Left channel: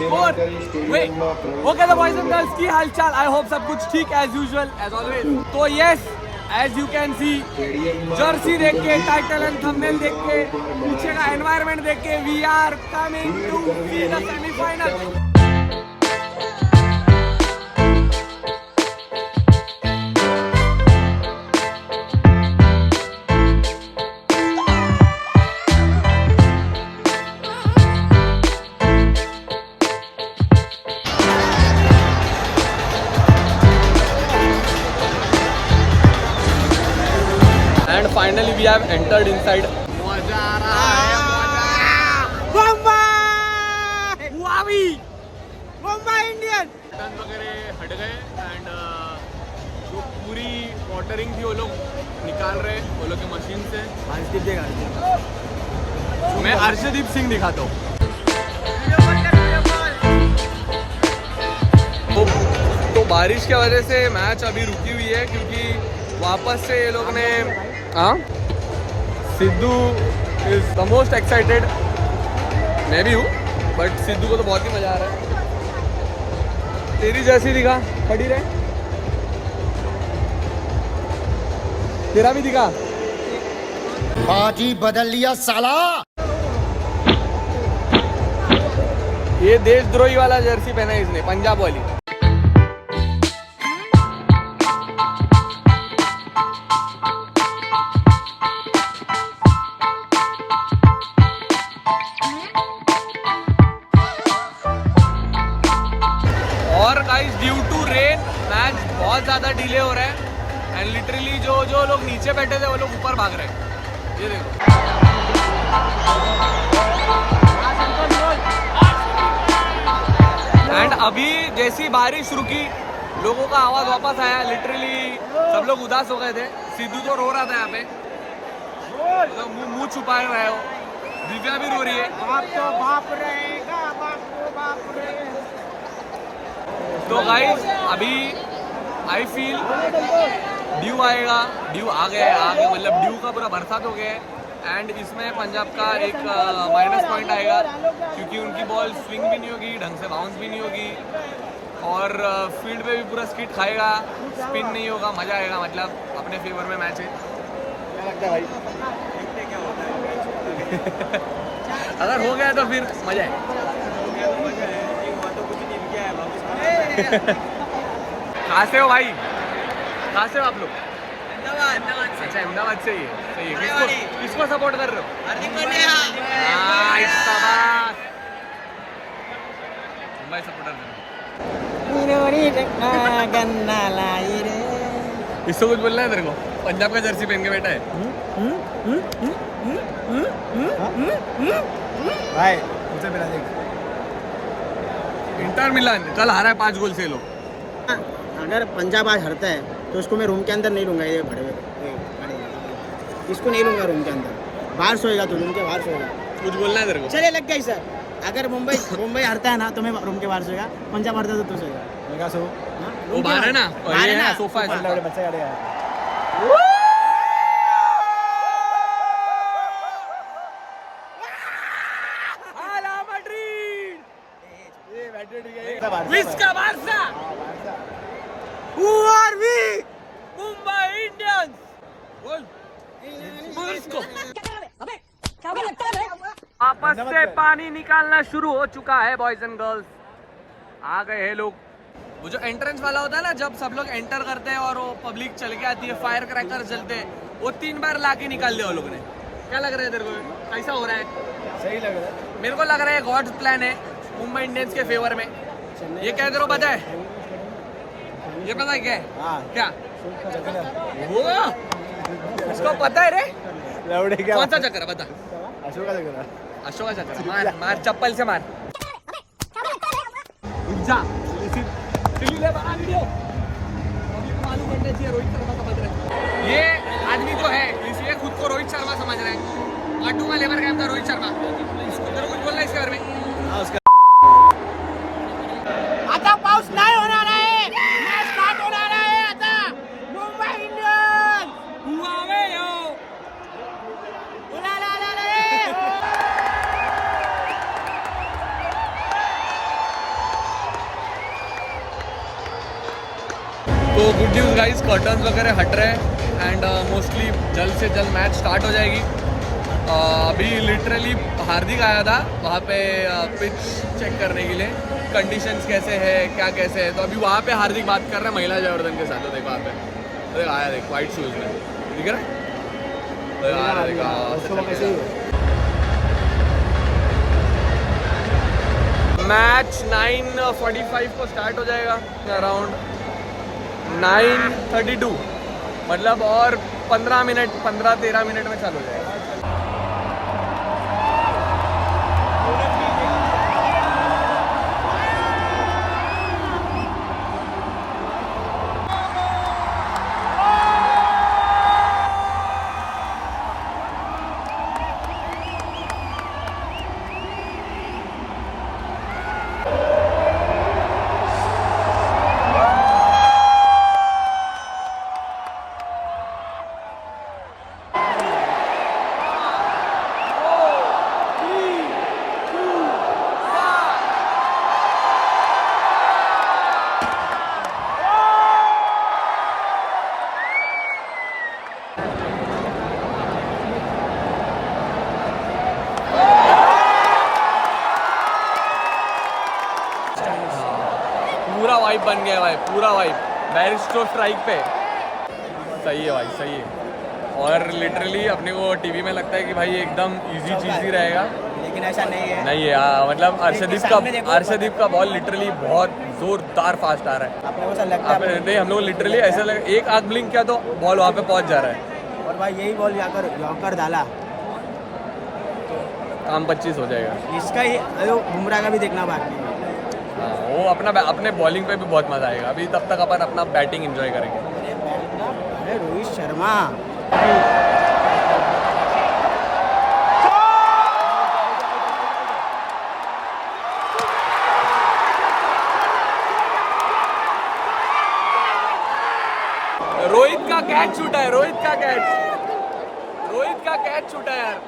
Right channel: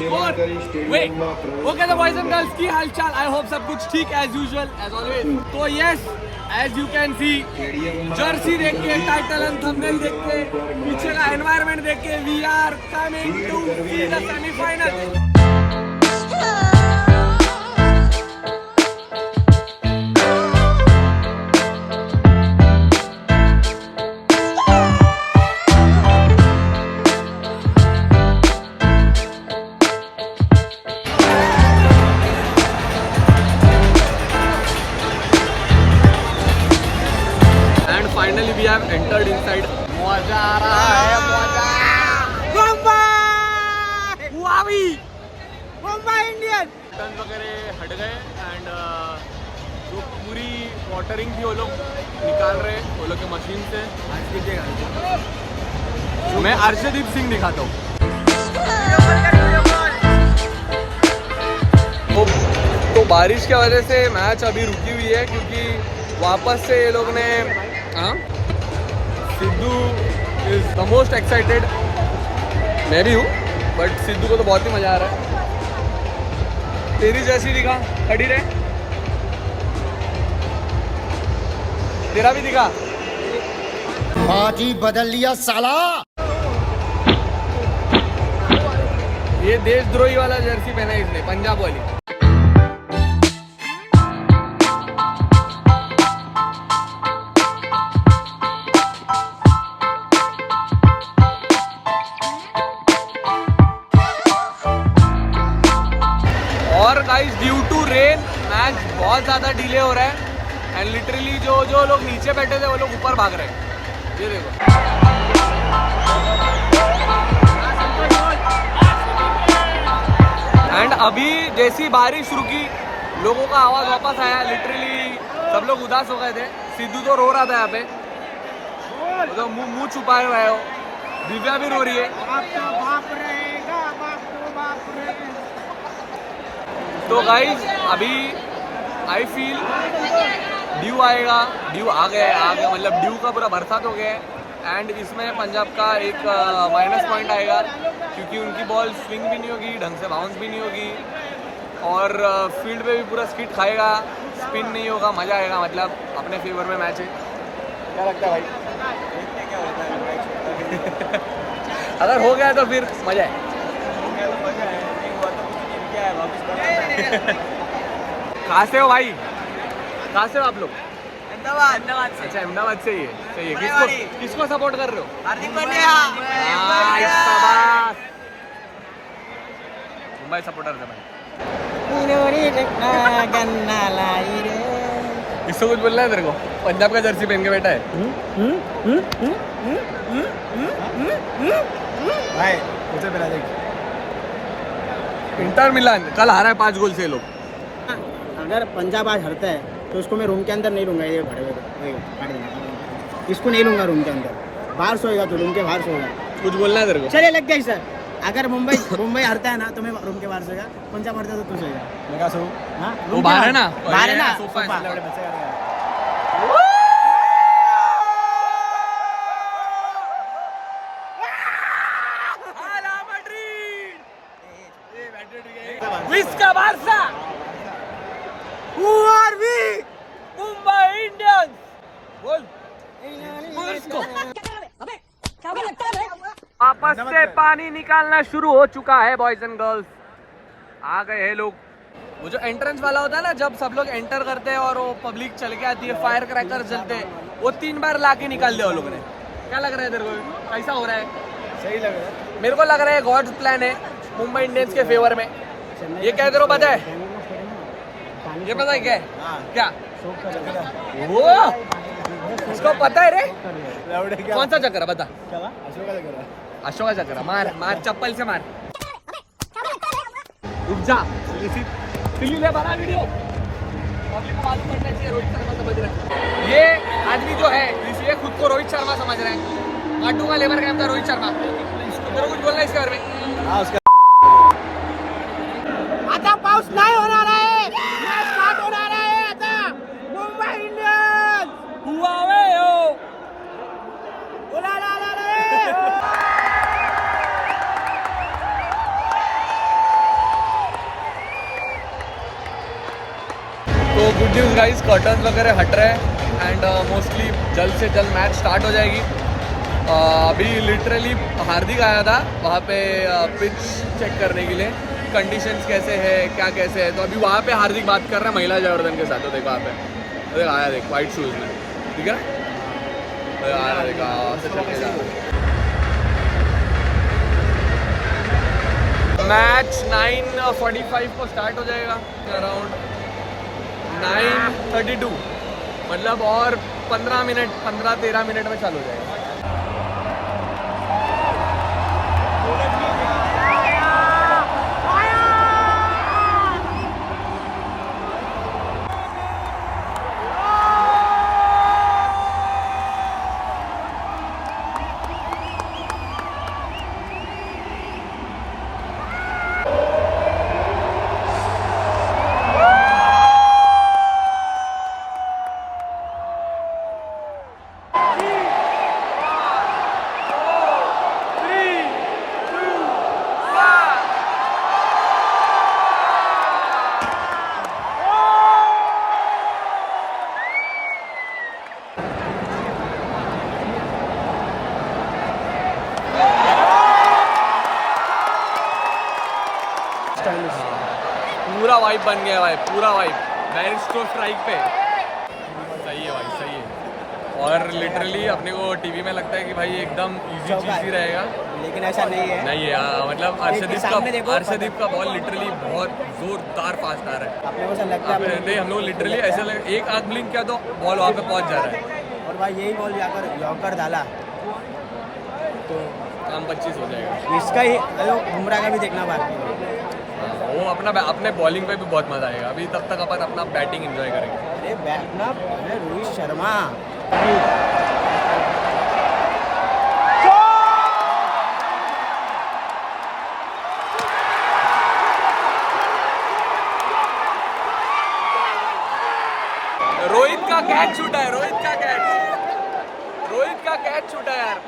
4 wait okay तो boys and girls की हालचाल आई होप सब कुछ ठीक एज यूजुअल एज ऑलवेज तो yes as you can see jersey देख के टाइटल एंड थंबनेल देख के पीछे का एनवायरनमेंट देख के we are coming to see the semifinal and finally we have entered inside मजा आ रहा है मजा मुंबई मुंबई इंडियन बटन वगैरह हट गए एंड जो पूरी वाटरिंग थी वो लोग निकाल रहे वो लोग के मशीन से मैं अर्शदीप सिंह दिखाता हूँ तो बारिश की वजह से मैच अभी रुकी हुई है क्योंकि वापस से ये लोग ने Sidhu is the most excited मैं भी हूँ बट सिद्धू को तो बहुत ही मजा आ रहा है तेरी जर्सी दिखा खड़ी रहे तेरा भी दिखा बाजी बदल लिया साला ये देशद्रोही वाला जर्सी पहना है इसने पंजाब वाली और guys due to rain match बहुत ज़्यादा डिले हो रहा है एंड लिटरली जो लोग नीचे बैठे थे वो लोग ऊपर भाग रहे हैं ये देखो एंड अभी जैसी बारिश रुकी लोगों का आवाज़ वापस आया लिटरली सब लोग उदास हो गए थे सिद्धू तो रो रहा था यहाँ पे तो मुंह छुपाए हुए हो दिव्या भी रो रही है तो गाइस अभी आई फील ड्यू आएगा ड्यू आ गया मतलब ड्यू का पूरा बरसात हो गया है एंड इसमें पंजाब का एक माइनस पॉइंट आएगा क्योंकि उनकी बॉल स्विंग भी नहीं होगी ढंग से बाउंस भी नहीं होगी और फील्ड पे भी पूरा स्किट खाएगा स्पिन नहीं होगा मज़ा आएगा मतलब अपने फेवर में मैच है क्या लगता है भाई देखते क्या होता है अगर हो गया तो फिर मज़ा है एक बात तो कुछ नहीं किया है वापस करना कहाँ से हो भाई कहाँ से हो आप लोग अहमदाबाद से अच्छा अहमदाबाद से ही सही है किसको सपोर्ट कर रहे हो हार्दिक पांड्या मुंबई सपोर्टर कर इसको कुछ बोलना है तेरे को पंजाब का जर्सी पहन के बैठा है भाई मुझे पहला देख इंटर मिलान कल हारा है 5 गोल से लोग अगर पंजाब आज हारता है तो उसको मैं रूम के अंदर नहीं लूंगा ये भड़वे इसको नहीं लूंगा रूम के अंदर बाहर सोएगा तो रूम के बाहर सोएगा कुछ बोलना है तेरे को चलिए लग गई सर अगर मुंबई हारता है ना तो मैं रूम के बाहर सोएगा पंजाब हारता है तो सोएगा मैं क्या सो वो बाहर है ना सोफा है Visca Barça Who are we Mumbai Indians बोल इसको वापस से पानी निकालना शुरू हो चुका है बॉयज एंड गर्ल्स आ गए हैं लोग वो जो एंट्रेंस वाला होता है ना जब सब लोग एंटर करते हैं और वो पब्लिक चल के आती है फायर क्रैकर जलते हैं वो 3 बार लाके निकाल दिया वो लोगों ने क्या लग रहा है तेरे को कैसा हो रहा है सही लग रहा है मेरे को लग रहा है गॉड प्लान है मुंबई इंडियंस के फेवर में ये क्या तेरे को पता है ये पता है क्या है क्या वो उसको पता है रे कौन सा चक्कर बता अशोका चक्कर मार मार चप्पल से मार रुक जा ये आदमी जो है ये खुद को रोहित शर्मा समझ रहा है आटू का लेबर कैंप था रोहित शर्मा इसको तेरे कुछ बोलना है इसके बारे में आता पाऊस नाही होणार आहे मॅच स्टार्ट होणार आहे आता मुंबई इंडियन्स हुआवे हो गुड न्यूज़ गाइस, कर्टन्स वगैरह हट रहे हैं एंड मोस्टली जल्द से जल्द मैच स्टार्ट हो जाएगी। अभी लिटरली हार्दिक आया था वहाँ पे पिच चेक करने के लिए, कंडीशंस कैसे है क्या कैसे है। तो अभी वहाँ पे हार्दिक बात कर रहे हैं महिला जयवर्धन के साथ। तो देखो वहाँ पे देख आया, देख वाइट शूज़ में दिख रहा है, आ रहा है देखा। मैच 9:45 को स्टार्ट हो जाएगा, अराउंड 9:32, मतलब और 15-13 मिनट में चालू हो जाएगा। पूरा वाइब बन गया भाई, पूरा वाइब बैरिस्टो स्ट्राइक पे। सही है भाई, सही है। और लिटरली अपने को टीवी में लगता है कि भाई एकदम इजी चीज ही रहेगा, लेकिन ऐसा नहीं है। नहीं है। मतलब अर्शदीप का बॉल लिटरली बहुत जोरदार फास्ट आ रहा है। अपने को ऐसा लगता है नहीं, हम लोग लिटरली ऐसा लगा एक आग ब्लिंक किया तो बॉल वहाँ पे पहुँच जा रहा है। और भाई यही बॉल जाकर यॉर्कर डाला तो काम 25 हो जाएगा। इसका ही बुमराह का भी देखना बाकी है। हाँ, वो अपने बॉलिंग पे भी बहुत मजा आएगा। अभी तब तक अपन अपना बैटिंग एंजॉय करेंगे। अरे रोहित शर्मा रोहित का कैच छूटा है, रोहित का कैच छूटा यार।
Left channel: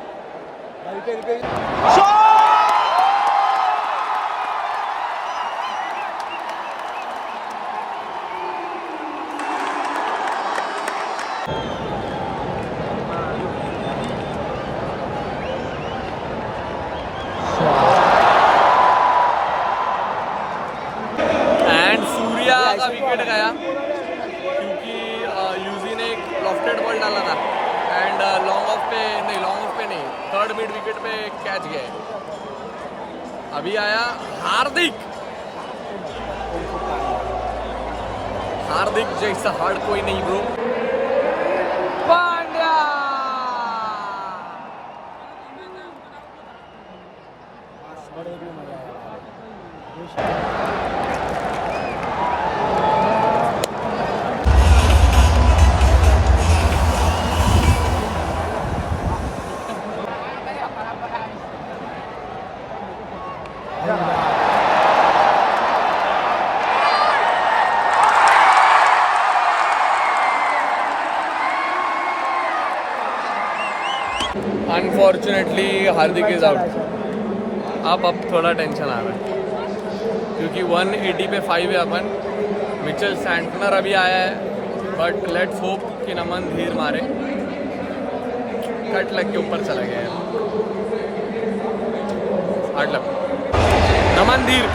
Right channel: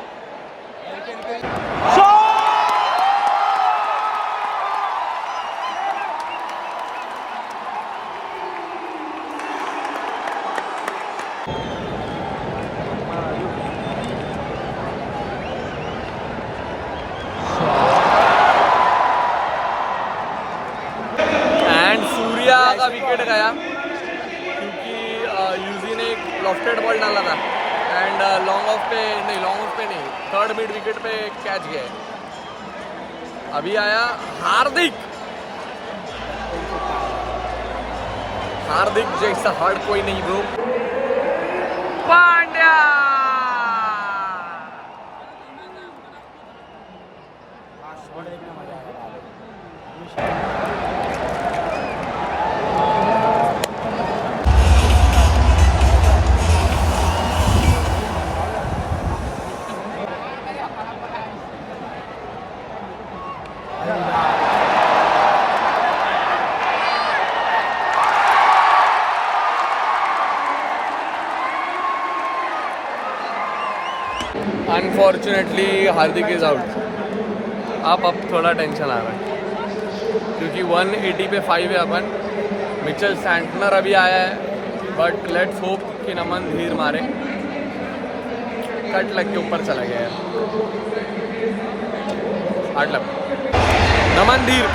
एंड सूर्या का विकेट गया क्योंकि यूजी ने एक लॉफ्टेड बॉल डाला था एंड लॉन्ग ऑफ पे नहीं, थर्ड मिड विकेट पे कैच गया। अभी आया हार्दिक जैसा हार्ड कोई नहीं bro. Pandya unfortunately Hardik is out. अब थोड़ा टेंशन आ रहा है क्योंकि 180 पे 5 है अपन। मिचेल सैंटनर अभी आया है, बट लेट्स होप कि नमन धीर मारे। कट लग के ऊपर चला गया यार, हार्ड लग। नमन धीर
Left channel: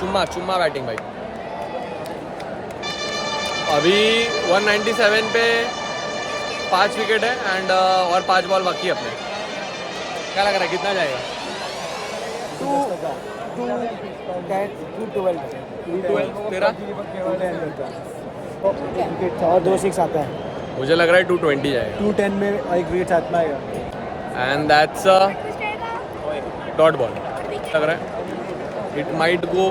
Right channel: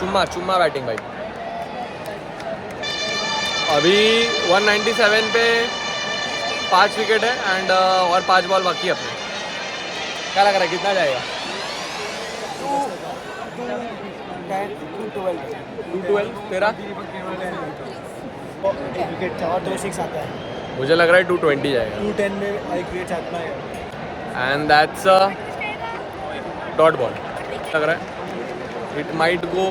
चुम्मा बैटिंग भाई। अभी 197 पे 5 विकेट है एंड और 5 बॉल बाकी है अपने। क्या लग रहा है कितना जाएगा? 212 तेरा? और 2 6 आता है। मुझे लग रहा है 220 जाएगा। 210 में एक विकेट आता है and that's a dot ball. लग रहा है इट माइट गो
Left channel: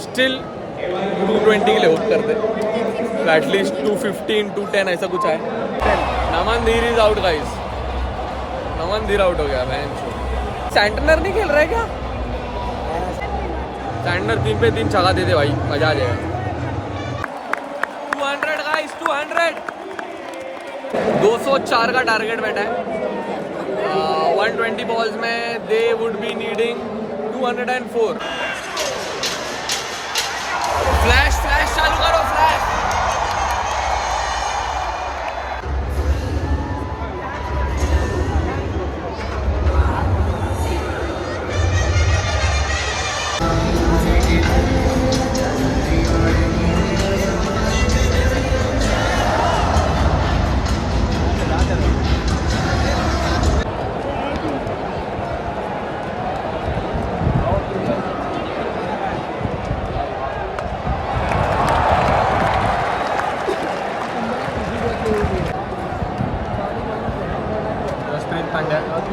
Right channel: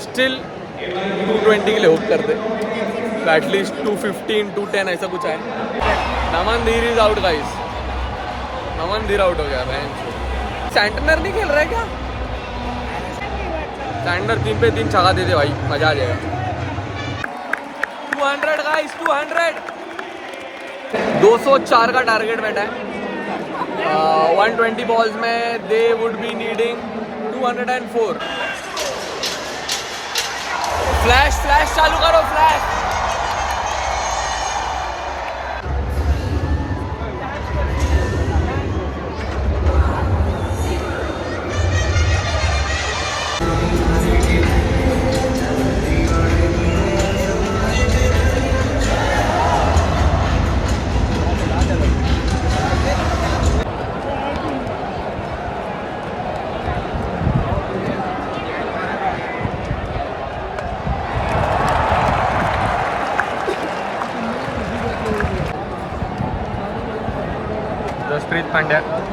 स्टिल 220 के लिए होप कर दे, तो एटलीस्ट 215 210 ऐसा कुछ है। नमन धीर इज आउट गाइस, नमन धीर आउट हो गया। सैंटनर नहीं खेल रहा है क्या? सैंटनर 3 पे 3 छक्का दे दे भाई, मजा आ जाएगा। 200 गाइस, 204 का टारगेट बैठा है। 120 बॉल्स में they would be needing 204। Flash चालू करो, फ्लैश।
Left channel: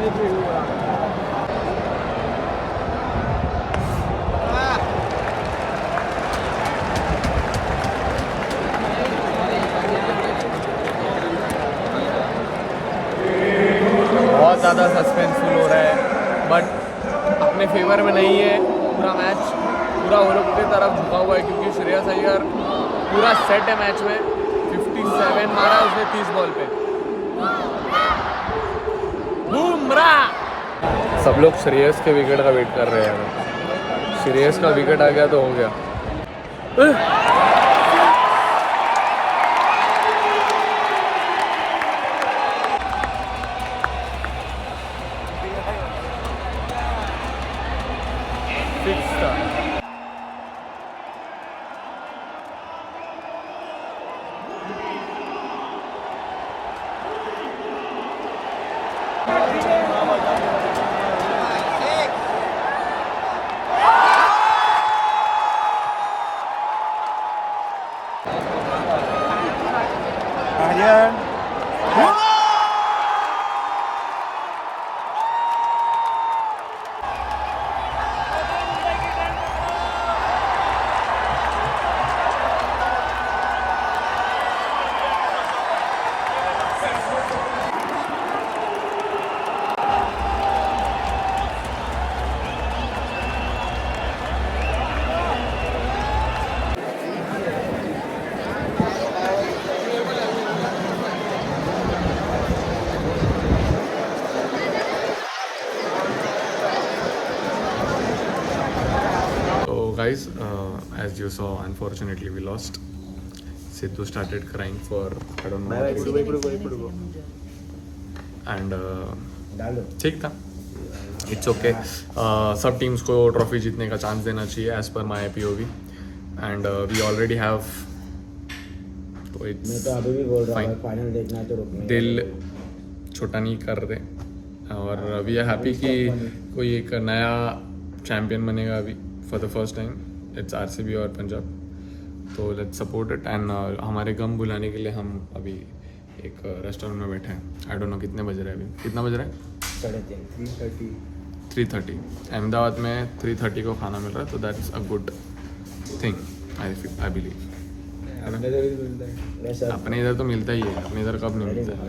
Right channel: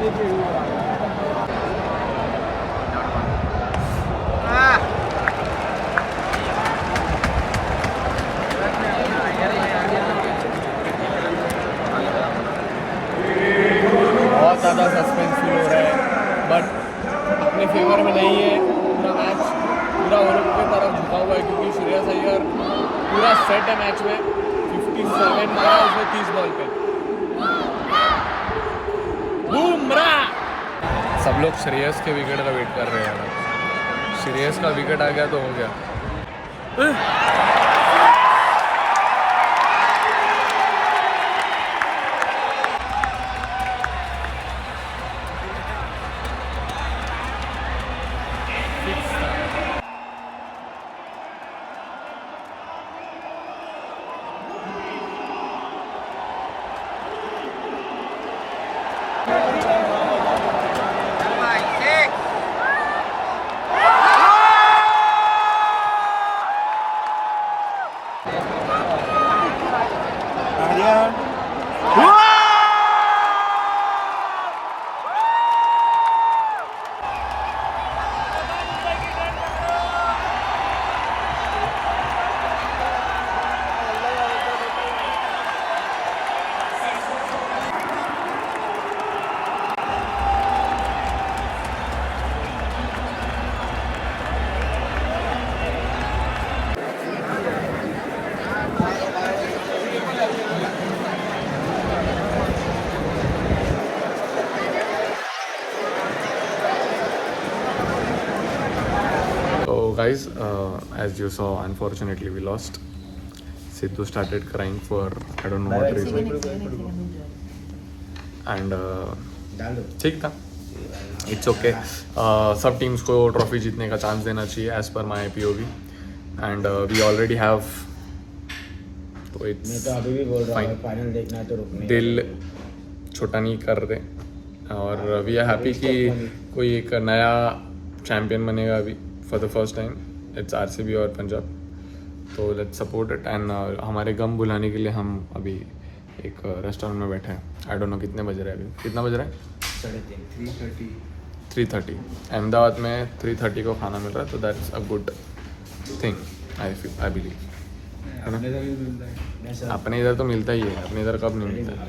बहुत ज़्यादा सस्पेंसफुल हो रहा है, बट अपने फेवर में नहीं है। पूरा मैच पूरा वो लोग की तरफ झुका हुआ है, क्योंकि श्रेयस अय्यर पूरा सेट है मैच में। 57 मारा उसने 30 बॉल पे। बुमराह! सब लोग श्रेयस के विकेट का वेट कर रहे हैं। श्रेयस का विकेट आ गया तो हो गया। Guys, as you saw, unfortunately we lost. Sidhu started crying for I don't know what reason. And ठीक था, इट्स ओके। सब टीम्स को ट्रॉफी जीतने का चांस देना चाहिए as per my POV, and we already have, तो इट्स अभी भी बोल रहा हूँ फाइनल देखना है तो रुकने दिल छोटा नहीं कर रहे, और वी आर हैप्पी कि कोई एक नया चैम्पियन बनेगा अभी for the first time. It's RCB और पंजाब, तो लेट्स सपोर्ट इट। एंड हमारे गम भुलाने के लिए हम अभी एक रेस्टोरेंट में बैठे हैं। आई डोंट नो कितने बज रहे हैं अभी, कितना बज रहा है? 3:30। अहमदाबाद में 3:30 को खाना मिल रहा है, तो that's a good thing I believe, है ना? अपने इधर तो मिलता ही है, अपने इधर कब नहीं मिलता है।